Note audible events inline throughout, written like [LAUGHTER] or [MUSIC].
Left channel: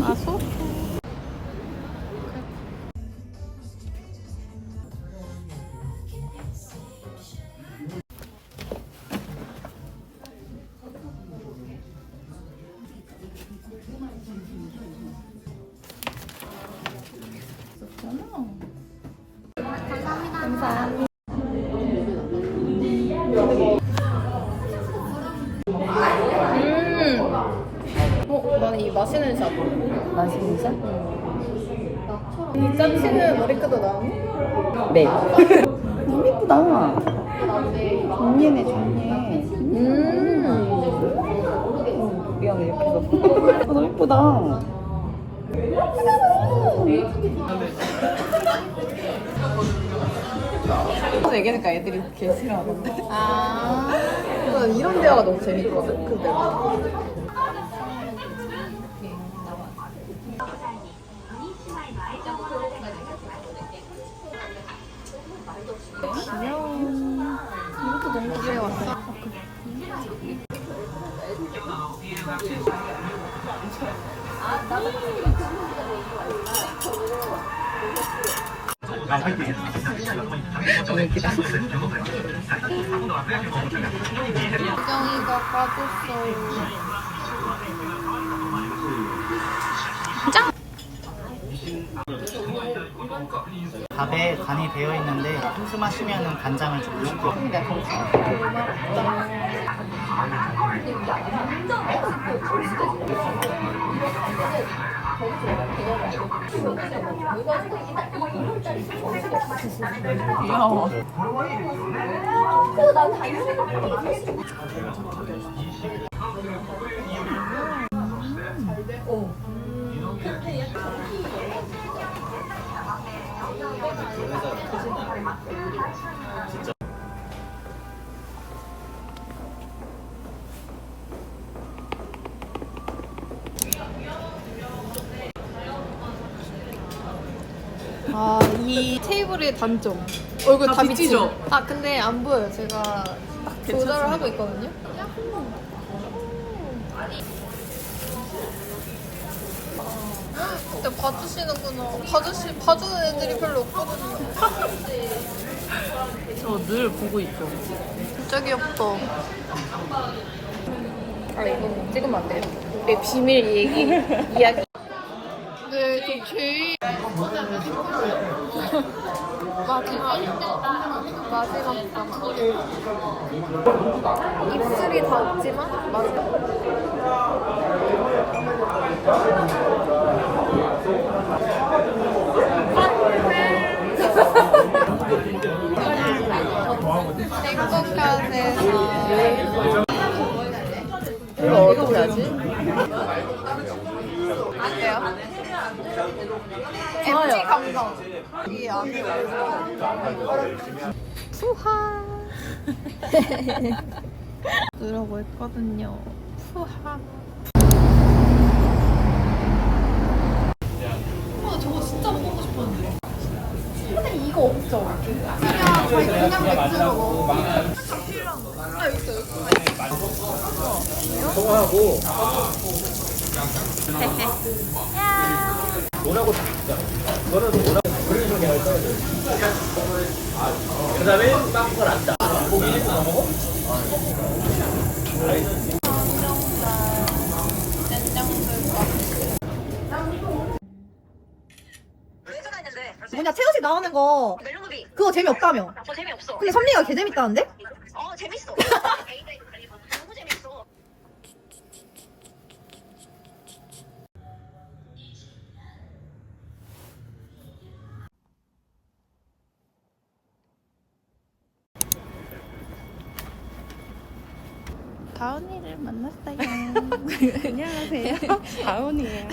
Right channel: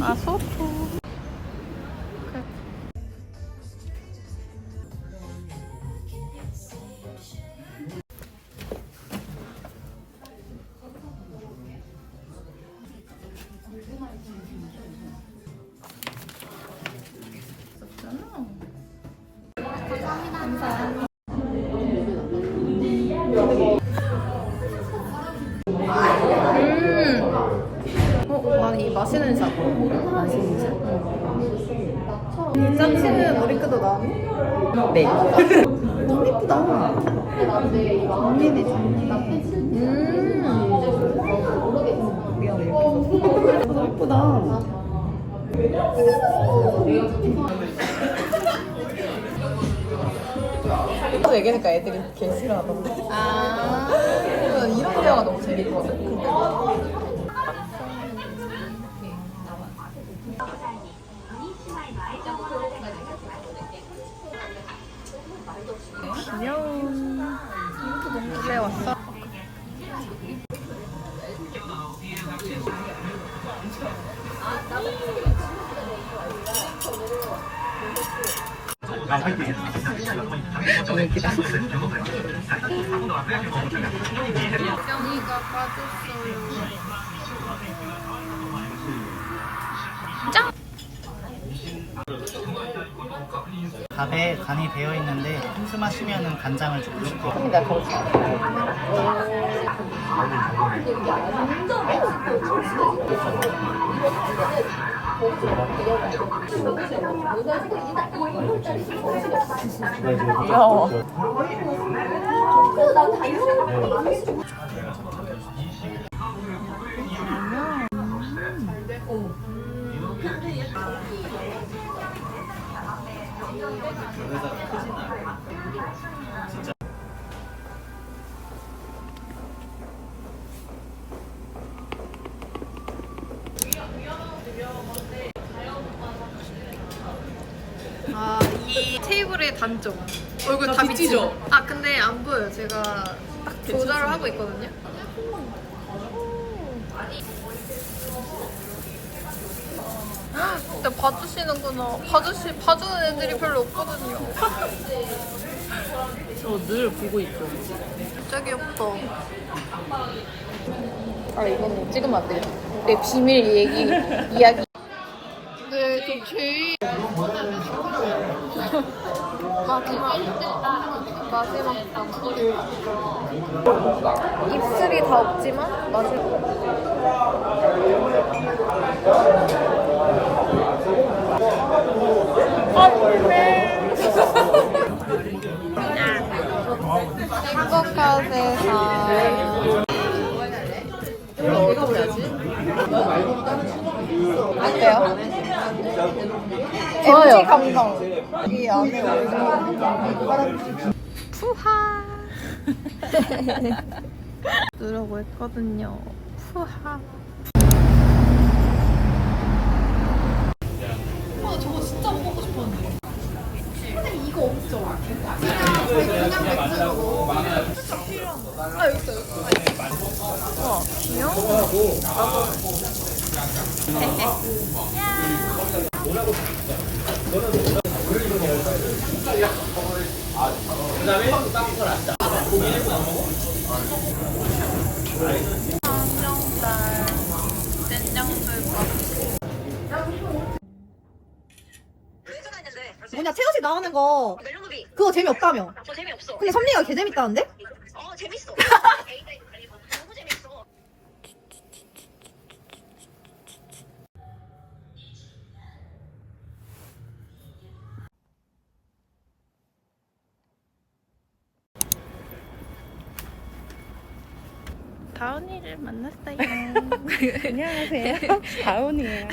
아, 소프. 이 마시는 샵. 맛있는 샷? 이 짜치는 머리끈도 나오니? 네. 너무 예쁘다. 정리해, 정리해. 음. 미안, 이렇게 해서. 너무 예쁘다. 그래서 얘기하니까 애들이 개 싫어하던데. 아. 이런 대화가 너무 재밌거든, 근데. 귀여운. 이것도 너무 집에 왔어. 수정이가 빠졌어요. 밥에 간이 배어 있는데 슴슴하시면 간장을 좀 넣고 내가 가르쳐. 귀 여워. 아, 이 테이블의 단점. 얼굴 다, 비치죠? 아, 근데 안 보여요. 제가 딱 조절을 하고 있거든요. 근데 봐주시는구나. 봐주시, 봐주는 애들이 별로 없거든요. [LAUGHS] 저 늘 보고 있죠. 진짜 귀엽다. 아, 이건 뭐 찍으면 안 되겠다. 내 비밀 얘기, 이야기. 네, 저 제일. 마지막. 마지막 방. 입술이 다 없지만, 마지막. 어때요? MG 감성. 이 안에. 푸하. [LAUGHS] 누라고 했거든요. 푸하. 아, 저거 진짜 먹고 싶었는데. 근데 이거 없죠? 그냥 저희 그냥 맥주로 먹어. 아, 여기 있어, 여기 있어. 어, 안녕? 뭐냐 채우씨 나오는 거 그거 재미없다며 저 재미없어 근데 선미가 개 재밌다는데? 어 재밌어 [LAUGHS] 너무 재밌어 가은이를 만났어요. [LAUGHS] 안녕하세요. 다운이에요.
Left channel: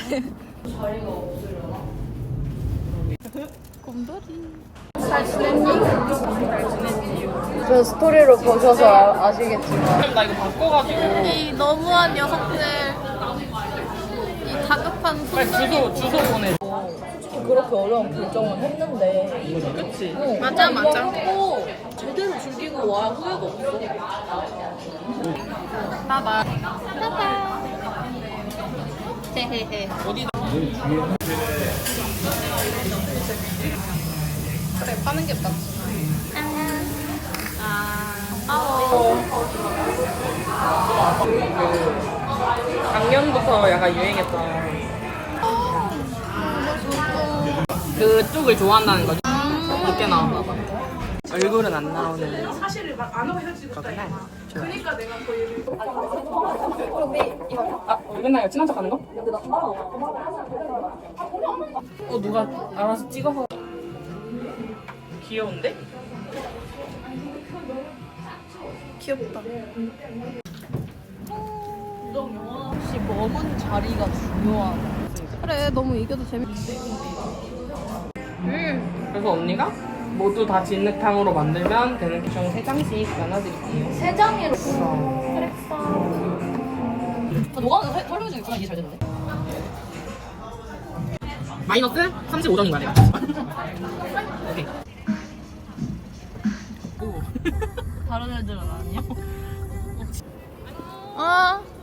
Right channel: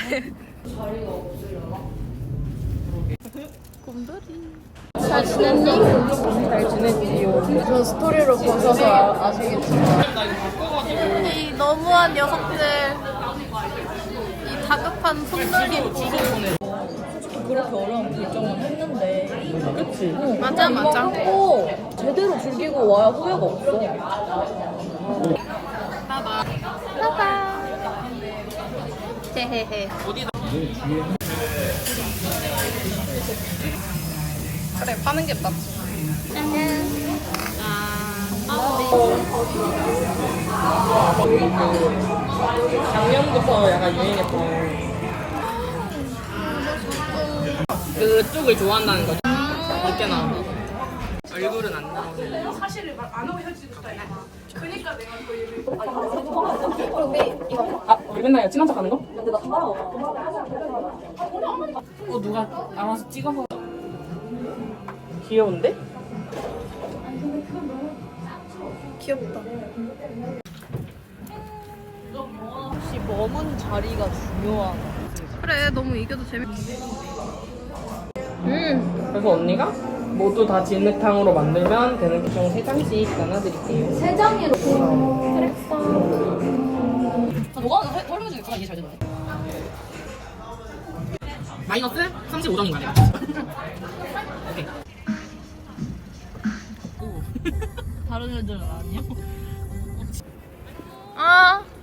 곰돌이. 잘 지냈니? 잘 지냈지. 저 스토리로 보셔서 아시겠지. 나 이거 바꿔가지고. 이 너무한 녀석들. 이 다급한 손놀이. 주소 보내. 그렇게 어려운 결정을 했는데 그치? 맞아, 맞아. 오, 제대로 즐기고 와야 후회가 없어. 헤헤헤. 그래, 파는 게 낫. 작년부터 약간 유행했던 그 쪽을 좋아한다는 거지. 늦게 나온다. 얼굴은 안 나오는. 사실을 안 하고 그렇구나. 아, 우리 맨날 친한 척 하는 거? 어, 누가 알아서 찍어서. 귀여운데? 귀엽다. 혹시 먹은 자리가 중요한. 그래, 너무 이겨도 재밌. 음. 그래서 언니가 모두 다 진흙탕으로 만들면 되는 총 3장씩 나눠드릴게요. 세 장이로. 너가 설명 중에 전화 이게 잘 되는데. 마이너스 35점인 거야, 내가. [LAUGHS] 오케이. [LAUGHS] 다른 애들은 아니야? 어, 안녕.